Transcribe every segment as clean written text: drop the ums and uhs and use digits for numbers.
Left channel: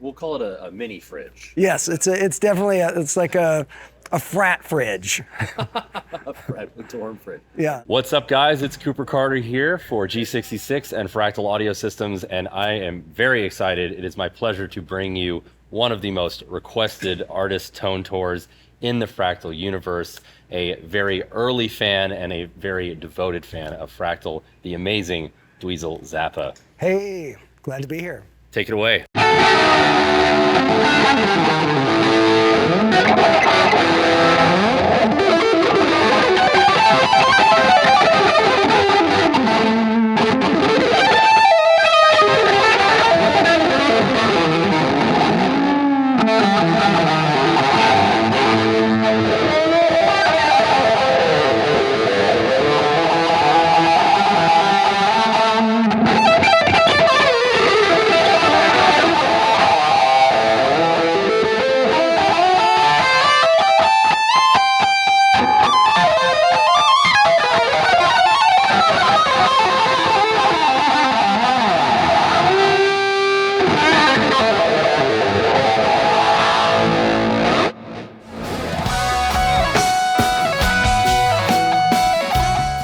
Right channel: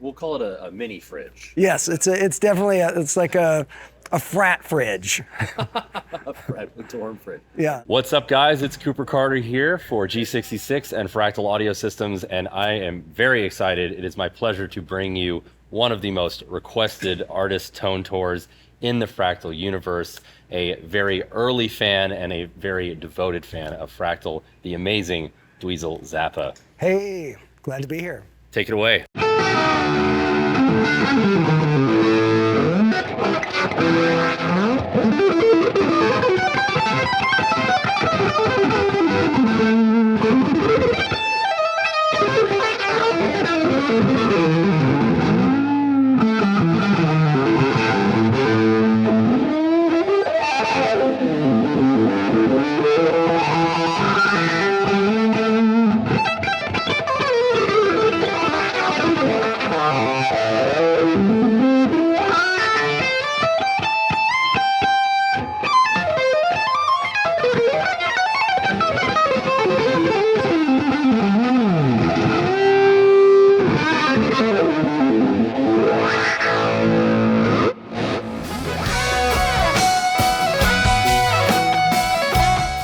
We'll call it a mini fridge. Yes, it's definitely it's like a frat fridge. A dorm fridge. Yeah. What's up, guys? It's Cooper Carter here for G66 and Fractal Audio Systems, and I am very excited. It is my pleasure to bring you one of the most requested artist tone tours in the Fractal universe, a very early fan and a very devoted fan of Fractal, the amazing Dweezil Zappa. Hey, glad to be here. Take it away.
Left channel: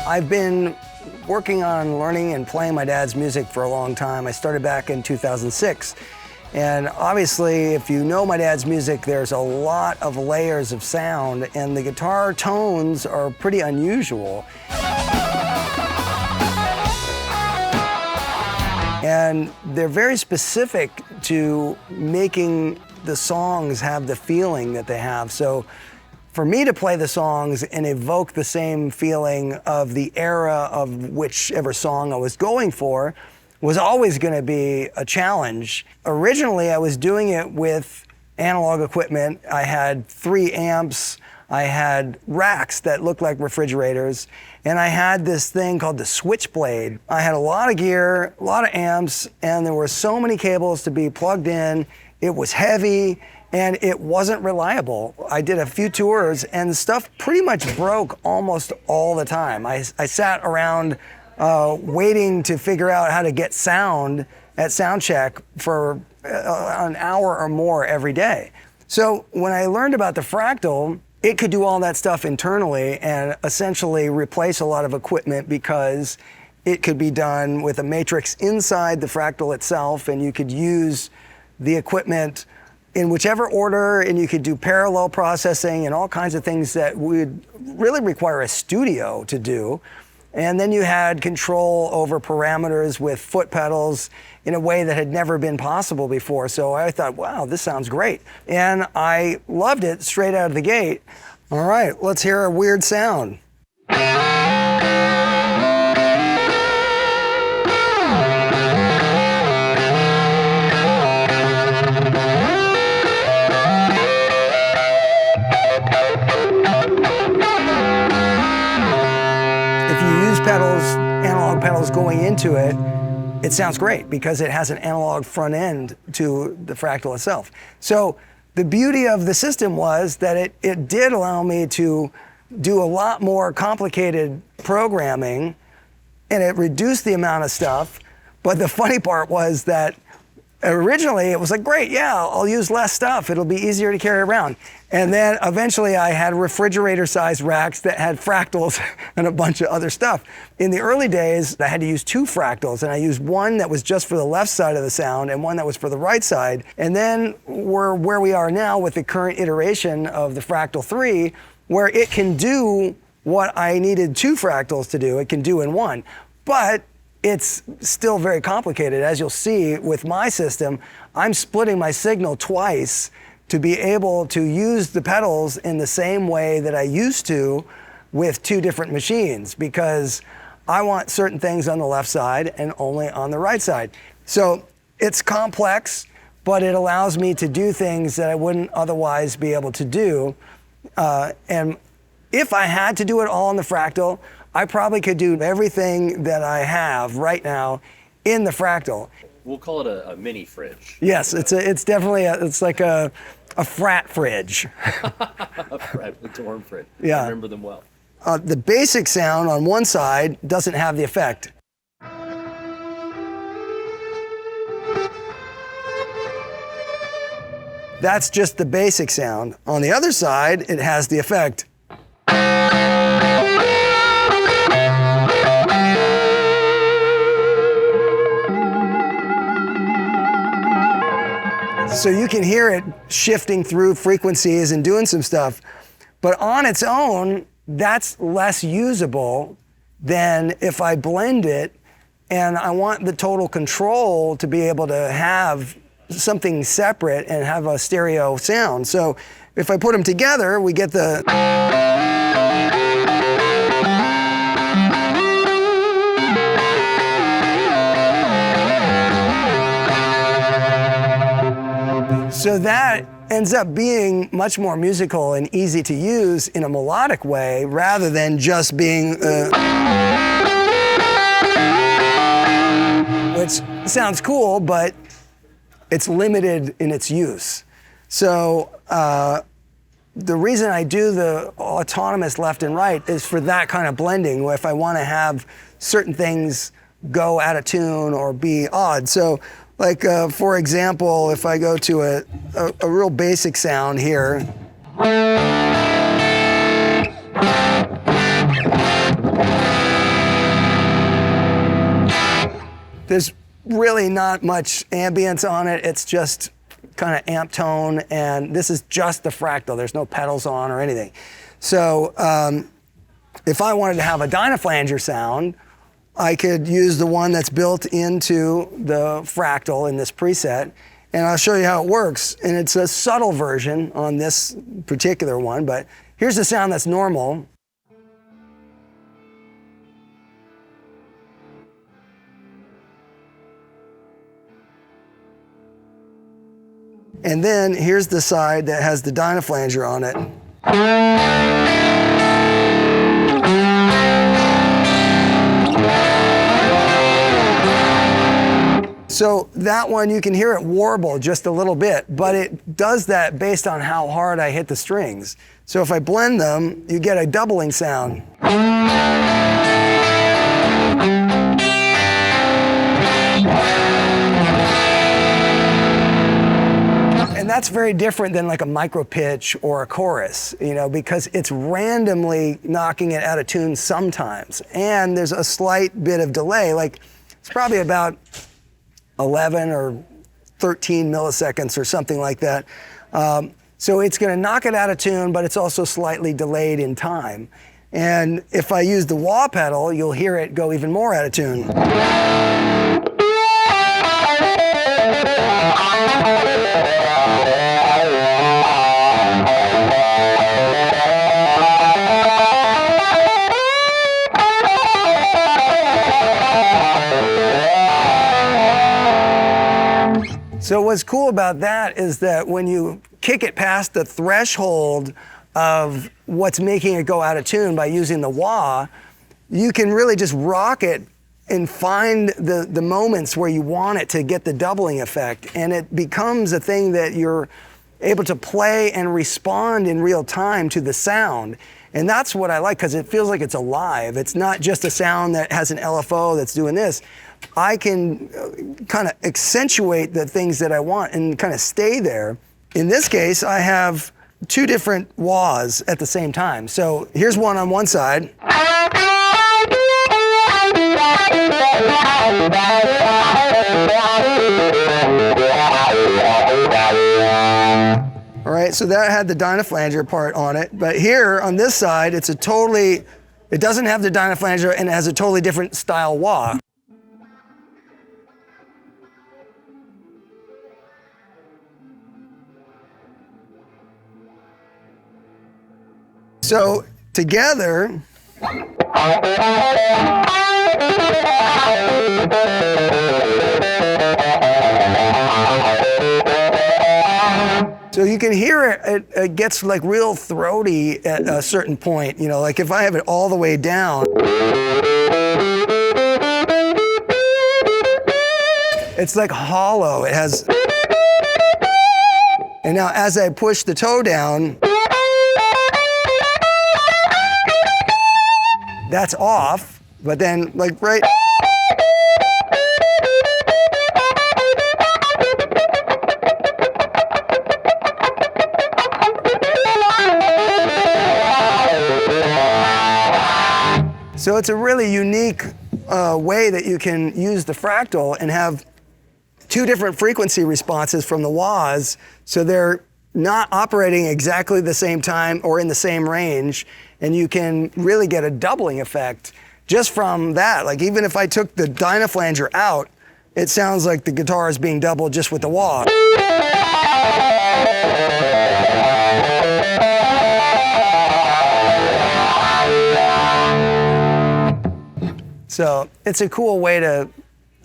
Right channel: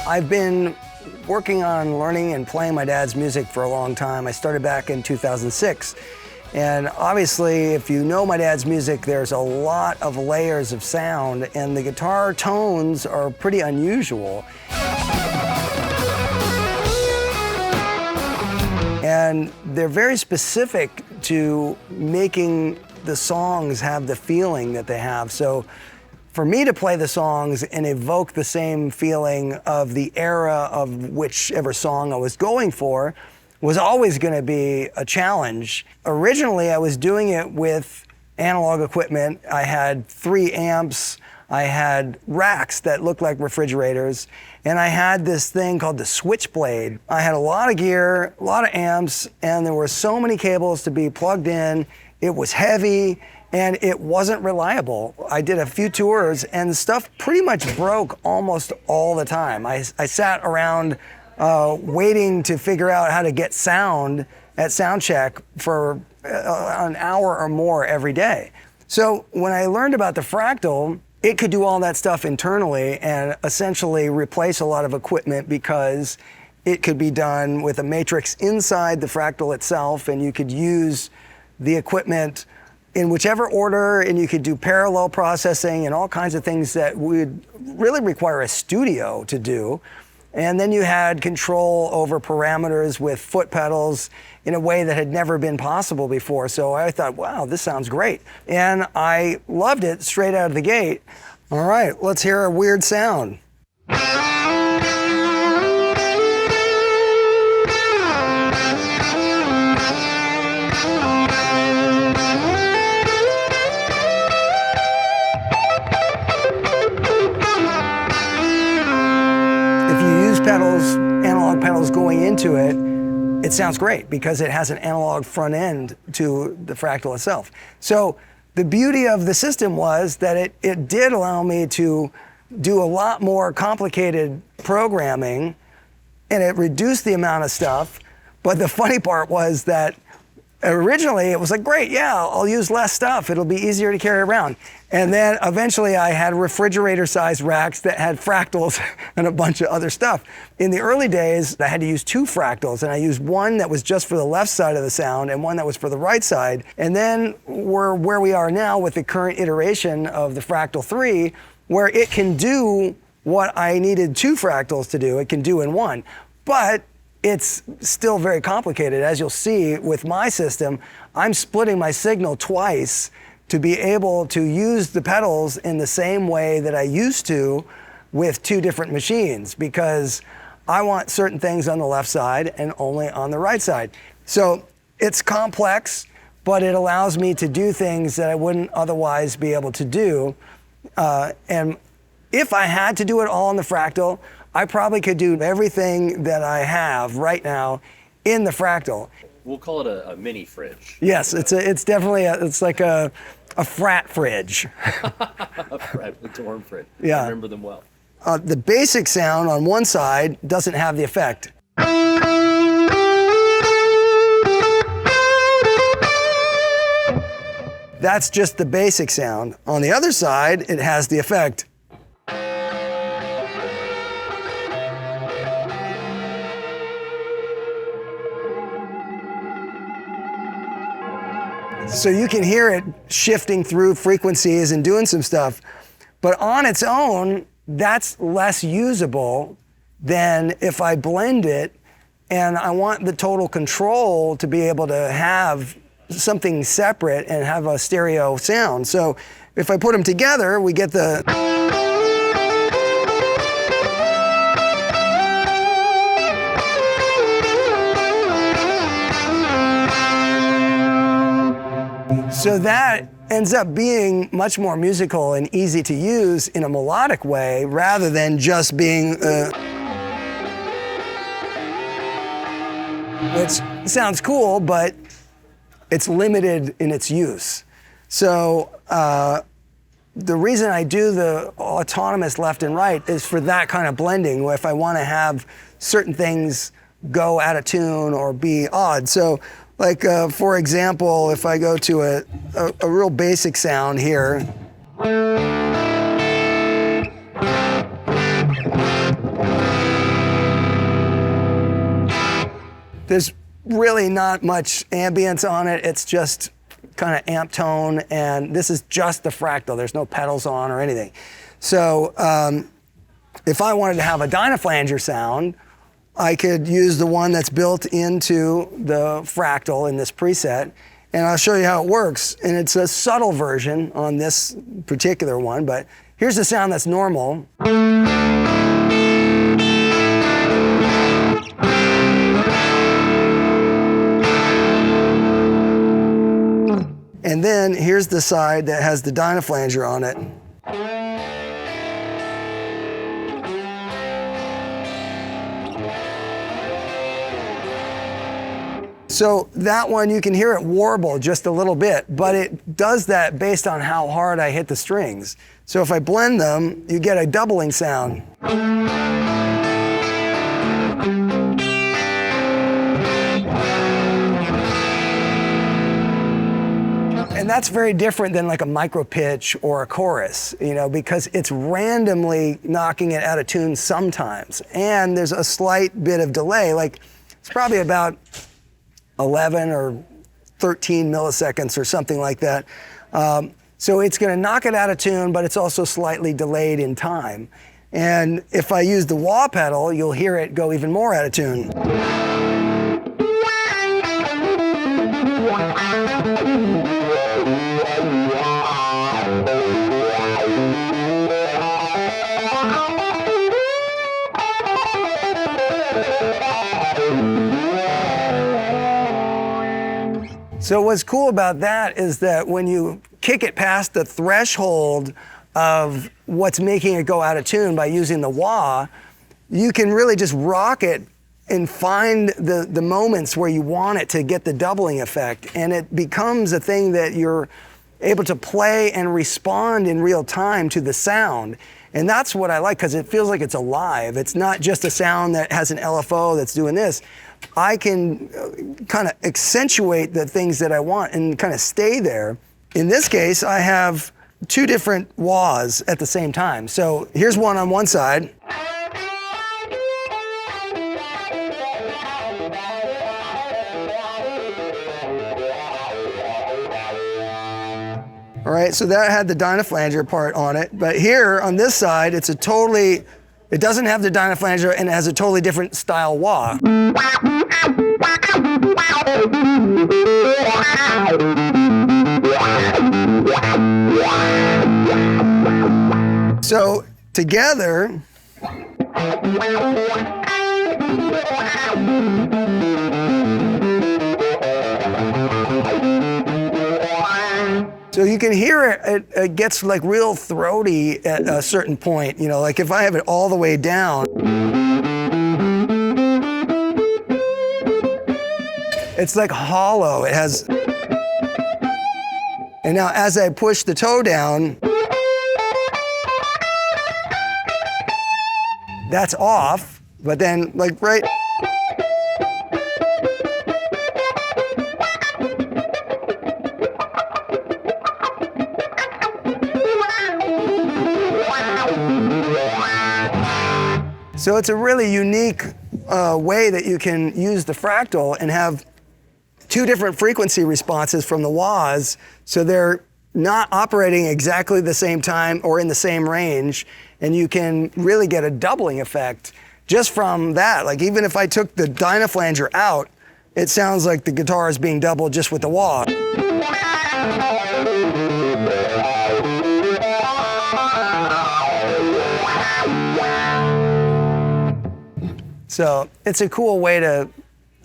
I've been working on learning and playing my dad's music for a long time. I started back in 2006. And obviously, if you know my dad's music, there's a lot of layers of sound, and the guitar tones are pretty unusual. And they're very specific to making the songs have the feeling that they have. So for me to play the songs and evoke the same feeling of the era of whichever song I was going for was always going to be a challenge. Originally, I was doing it with analog equipment. I had 3 amps, I had racks that looked like refrigerators, and I had this thing called the Switchblade. I had a lot of gear, a lot of amps, and there were so many cables to be plugged in. It was heavy, and it wasn't reliable. I did a few tours, and the stuff pretty much broke almost all the time. I sat around waiting to figure out how to get sound at sound check for an hour or more every day. So when I learned about the Fractal, it could do all that stuff internally and essentially replace a lot of equipment because it could be done with a matrix inside the Fractal itself, and you could use the equipment in whichever order, and you could do parallel processing and all kinds of things that would really require a studio to do. And then you had control over parameters with foot pedals in a way that had never been possible before. So I thought, wow, this sounds great. And I loved it straight out of the gate. All right, let's hear a weird sound. Pedals, analog pedals going into it, it sounds great because it has an analog front end to the Fractal itself. So the beauty of the system was that it did allow me to do a lot more complicated programming, and it reduced the amount of stuff. But the funny part was that originally it was like, great, yeah, I'll use less stuff. It'll be easier to carry around. And then eventually I had refrigerator-sized racks that had fractals and a bunch of other stuff. In the early days, I had to use 2 fractals, and I used one that was just for the left side of the sound and one that was for the right side. And then we're where we are now with the current iteration of the Fractal 3, where it can do what I needed 2 fractals to do, it can do in one. But it's still very complicated. As you'll see with my system, I'm splitting my signal twice to be able to use the pedals in the same way that I used to with 2 different machines, because I want certain things on the left side and only on the right side. So it's complex, but it allows me to do things that I wouldn't otherwise be able to do. And if I had to do it all on the Fractal, I probably could do everything that I have right now in the Fractal. We'll call it a mini fridge. Yes, it's definitely it's like a frat fridge. A dorm fridge. Yeah. I remember them well. The basic sound on one side doesn't have the effect. That's just the basic sound. On the other side, it has the effect. So you can hear it shifting through frequencies and doing some stuff, but on its own, that's less usable than if I blend it and I want the total control to be able to have something separate and have a stereo sound. So if I put them together, we get the... So that ends up being much more musical and easy to use in a melodic way rather than just being... which sounds cool, but it's limited in its use. So the reason I do the autonomous left and right is for that kind of blending, where if I want to have certain things go out of tune or be odd. So like, for example, if I go to a real basic sound here. There's really not much ambience on it. It's just kind of amp tone, and this is just the fractal. There's no pedals on or anything. So if I wanted to have a Dynaflanger sound, I could use the one that's built into the fractal in this preset, and I'll show you how it works. And it's a subtle version on this particular one, but here's the sound that's normal. And then here's the side that has the Dynaflanger on it. So that one, you can hear it warble just a little bit, but it does that based on how hard I hit the strings. So if I blend them, you get a doubling sound. And that's very different than like a micro pitch or a chorus, you know, because it's randomly knocking it out of tune sometimes. And there's a slight bit of delay, like it's probably about 11 or 13 milliseconds or something like that. So it's going to knock it out of tune, but it's also slightly delayed in time. And if I use the wah pedal, you'll hear it go even more out of tune. So what's cool about that is that when you kick it past the threshold of what's making it go out of tune by using the wah, you can really just rock it and find the moments where you want it to get the doubling effect. And it becomes a thing that you're able to play and respond in real time to the sound. And that's what I like, because it feels like it's alive. It's not just a sound that has an LFO that's doing this. I can kind of accentuate the things that I want and kind of stay there. In this case, I have two different wahs at the same time. So here's one on one side. All right, so that had the Dynaflanger part on it. But here on this side, it doesn't have the Dynaflanger and it has a totally different style wah. So together, so you can hear it gets like real throaty at a certain point, you know, like if I have it all the way down, it's like hollow. It has, and now as I push the toe down, that's off, but then like right, So it's a really unique way that you can use the fractal and have two different frequency responses from the wahs, so they're not operating exactly the same time or in the same range, and you can really get a doubling effect just from that. Like even if I took the dynaflanger out, it sounds like the guitar is being doubled just with the wah. So it's a cool way to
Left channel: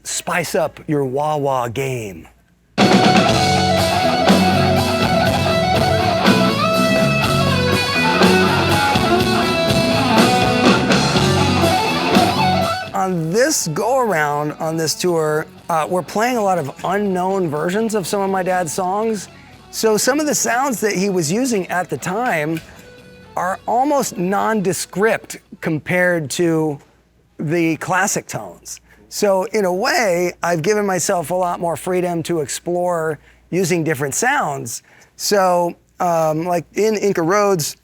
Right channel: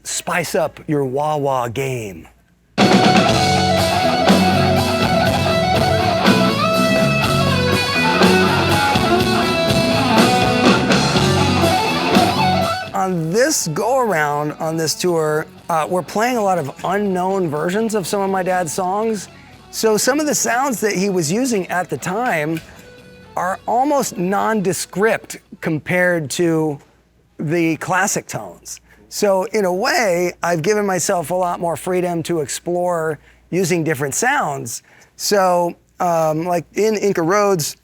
spice up your wah-wah game. On this go-around on this tour, we're playing a lot of unknown versions of some of my dad's songs. So some of the sounds that he was using at the time are almost nondescript compared to the classic tones. So in a way, I've given myself a lot more freedom to explore using different sounds. So like in Inca Roads,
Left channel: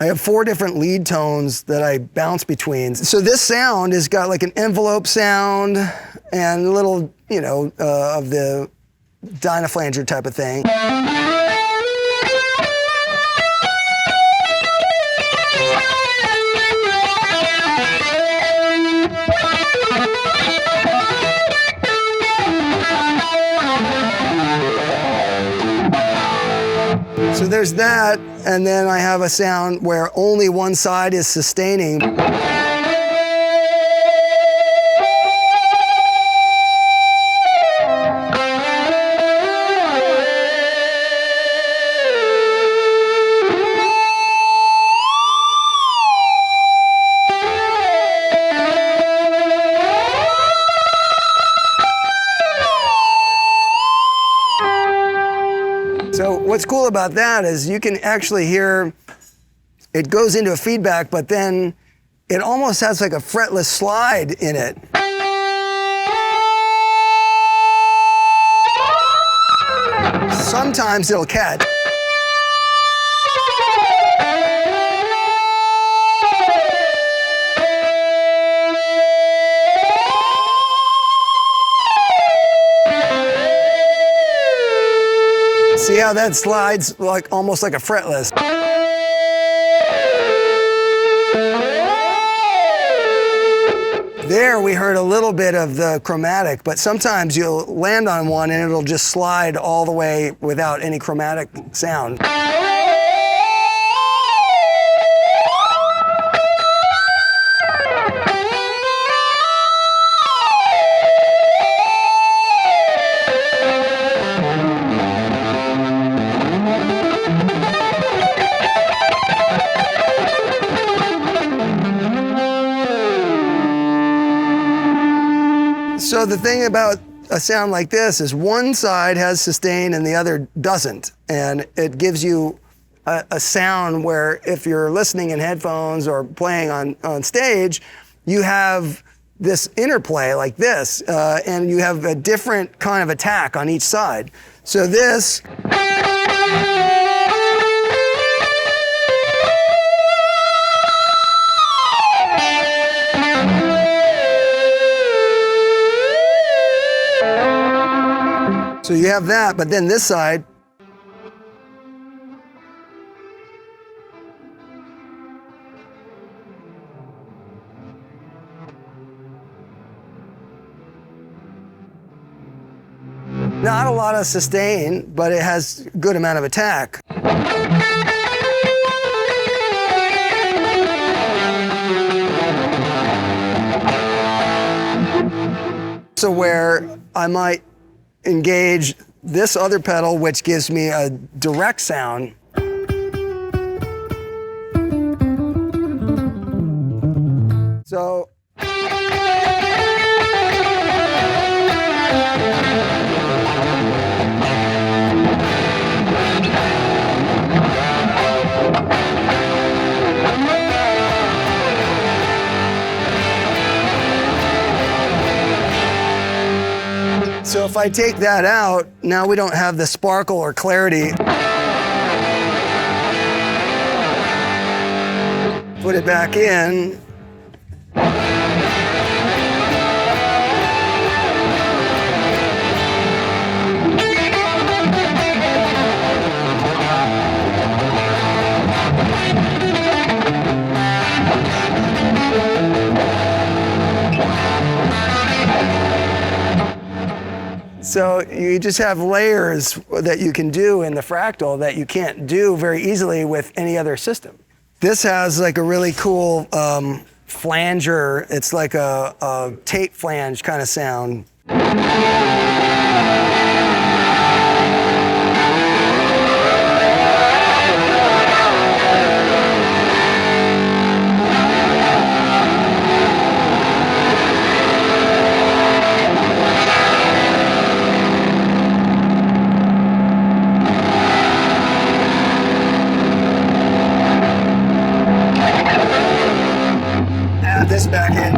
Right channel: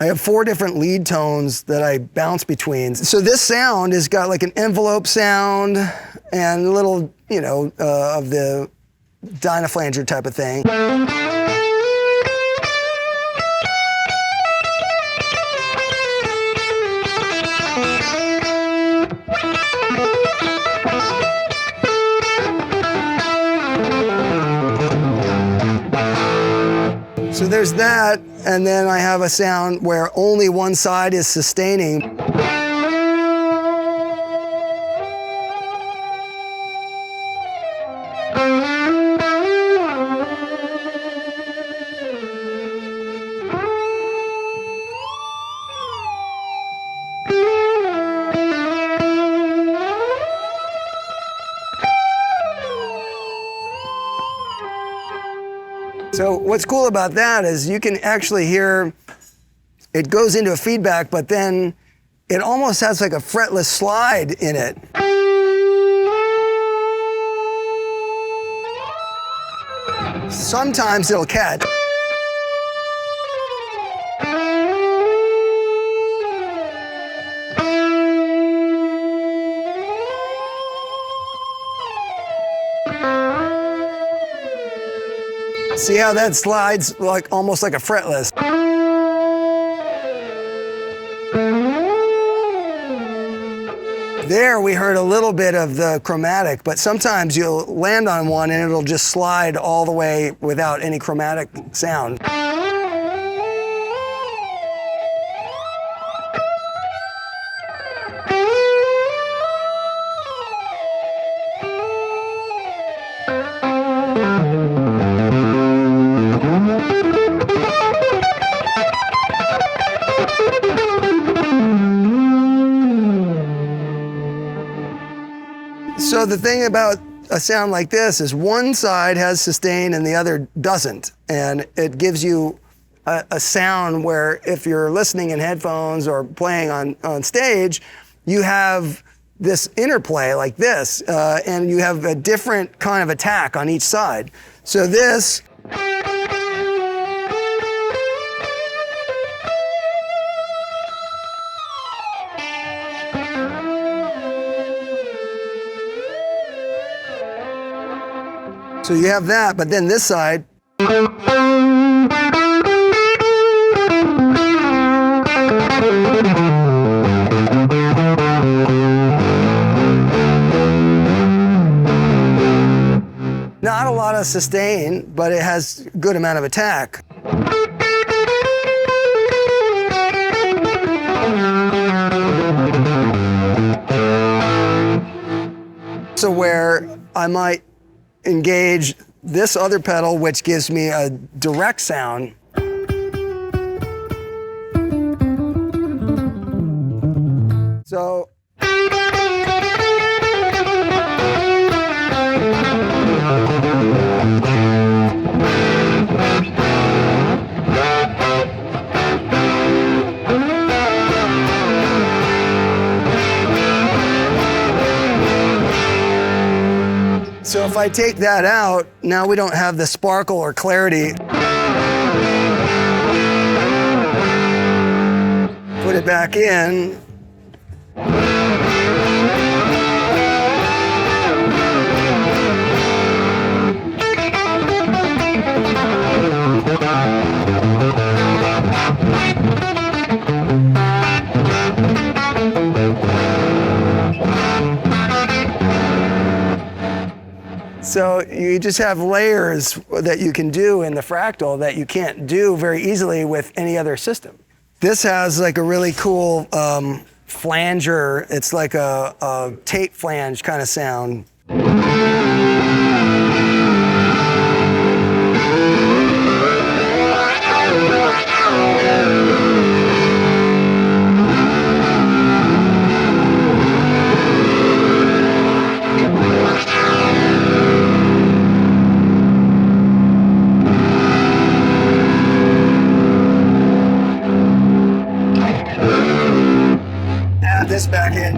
I have 4 different lead tones that I bounce between. So this sound has got like an envelope sound and a little, you know, of the dynaflanger type of thing. So there's that, and then I have a sound where only one side is sustaining. So what's cool about that is you can actually hear it goes into a feedback, but then it almost has like a fretless slide in it. Sometimes it'll catch. See how that slides like almost like a fretless. There we heard a little bit of the chromatic, but sometimes you'll land on one and it'll just slide all the way without any chromatic sound. So the thing about a sound like this is one side has sustain and the other doesn't. And it gives you a sound where if you're listening in headphones or playing on stage, you have this interplay like this, and you have a different kind of attack on each side. So this, so you have that, but then this side, not a lot of sustain, but it has a good amount of attack. So where I might engage this other pedal, which gives me a direct sound. So So if I take that out, now we don't have the sparkle or clarity. Put it back in, So you just have layers that you can do in the Fractal that you can't do very easily with any other system. This has like a really cool flanger. It's like a tape flange kind of sound. Add this back in.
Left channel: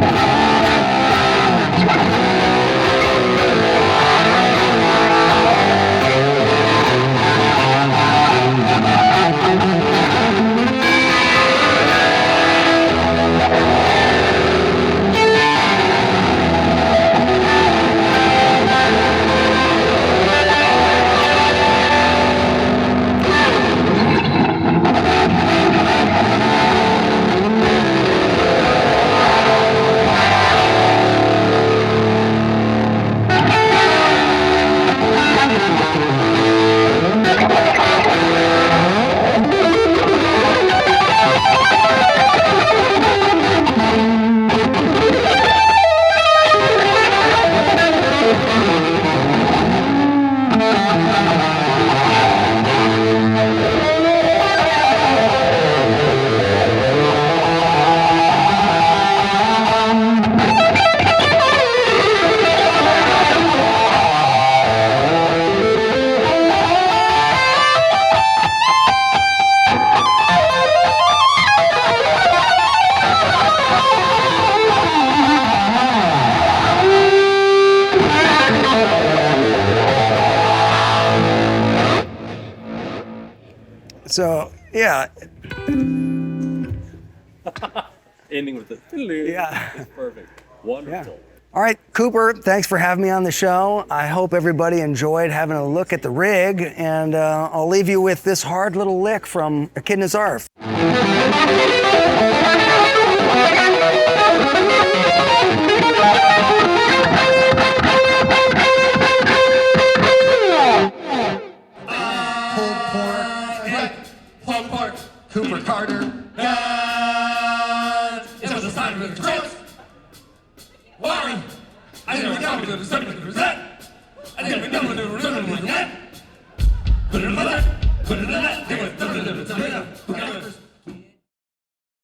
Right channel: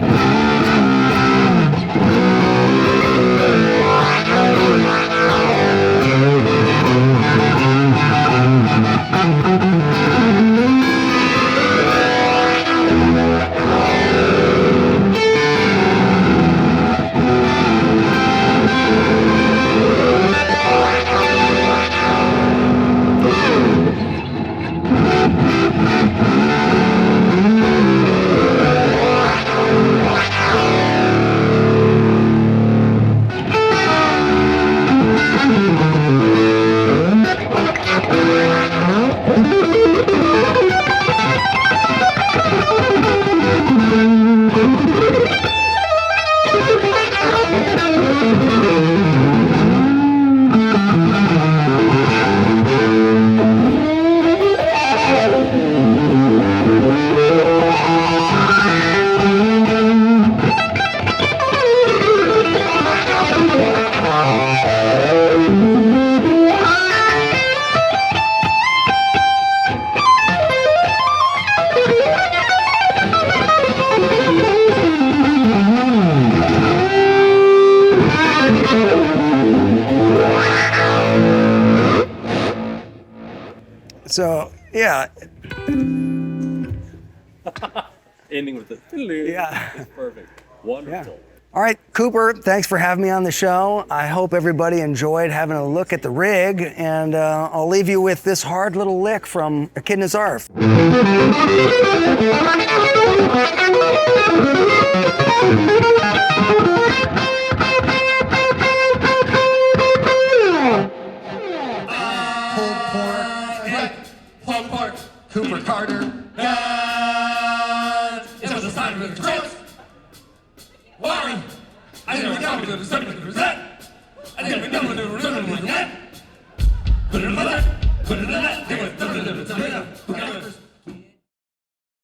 So, yeah. Ending with the Yeah. It's perfect. Wonderful. Yeah. All right, Cooper, thanks for having me on the show. I hope everybody enjoyed having a look at the rig, and I'll leave you with this hard little lick from Echidna Zarf. Cooper Carter. It was a sign of the cross. Warren. I never know what the subject was that. I never know what the ribbon was that. Put it on that. Put it on that.